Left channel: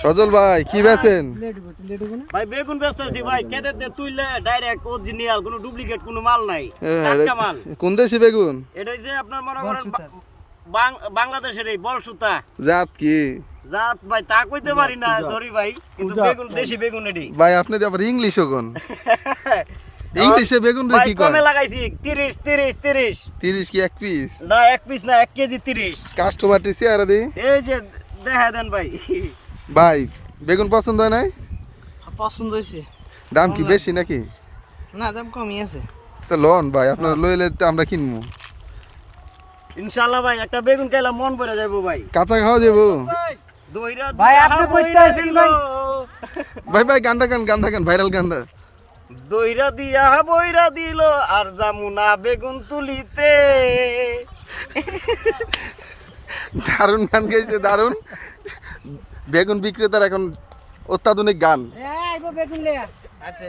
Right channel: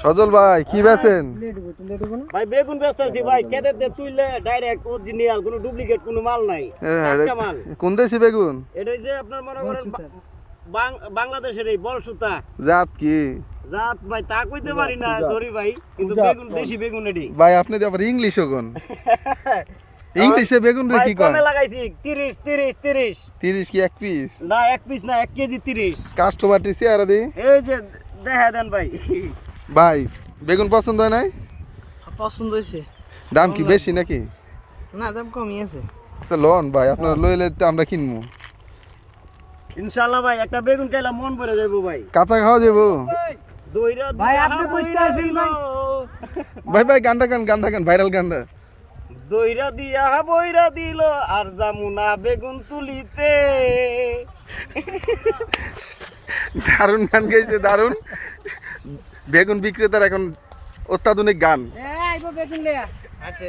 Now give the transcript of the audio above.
সজল ভাই কি বেচেন? ভাই বেগুন বেচতেছি ভাই, কেটে তুইলে ডাইরেক্ট অরিজিনাল, কোনো ডুপ্লিকেট কোনো মাল নাই, টাটকা মাল। কোন দেশি বেগুন? এটা যে আপনার মনে করেন বাংলাদেশের এই বলসুতা জাত কি? জাত ভাই তা কইতে পারি না, সরি ভাই, কিন্তু বেগুন দেশি বেগুন এটি। ভাই আপনি তো আবার ইংলিশও কোন? ইংলিশে বেগুন রে কি কয়? কমে লাগাইছি 30 30 30। 30 কি এক পিস? না এক পিস না, 1 কেজি 30। কাস্টমারটি চেহারা দি। এই যে দেখা দেন ভাই। ভাই বেগুন পছন্দ হয় নাই? পছন্দ হয়েছে। দাম কি বেশি নাকি? না, দাম কমই আছে। তো লোন ভাই আপনারা লইলে তো আমরা কিনবো। ইনশাআল্লাহ ভাই একটা বেগুন খাইলে মন ভরে যাবো ভাই। কাঁচা খাওয়া যাবো? দইরা ভাই, আপনি কইতে আছেন ভাই? ভাই ভাই গানটা গান ভাইরাল গানটা। দইরা দিয়া বইরা দিল আর জামুনা বেগুন তুলিতে। দারুণ গান গাইছে, দারুণ। বেগুন বিক্রেতার এখন অত্যাধুনিক গান। বেগুন লেয়া। আচ্ছা,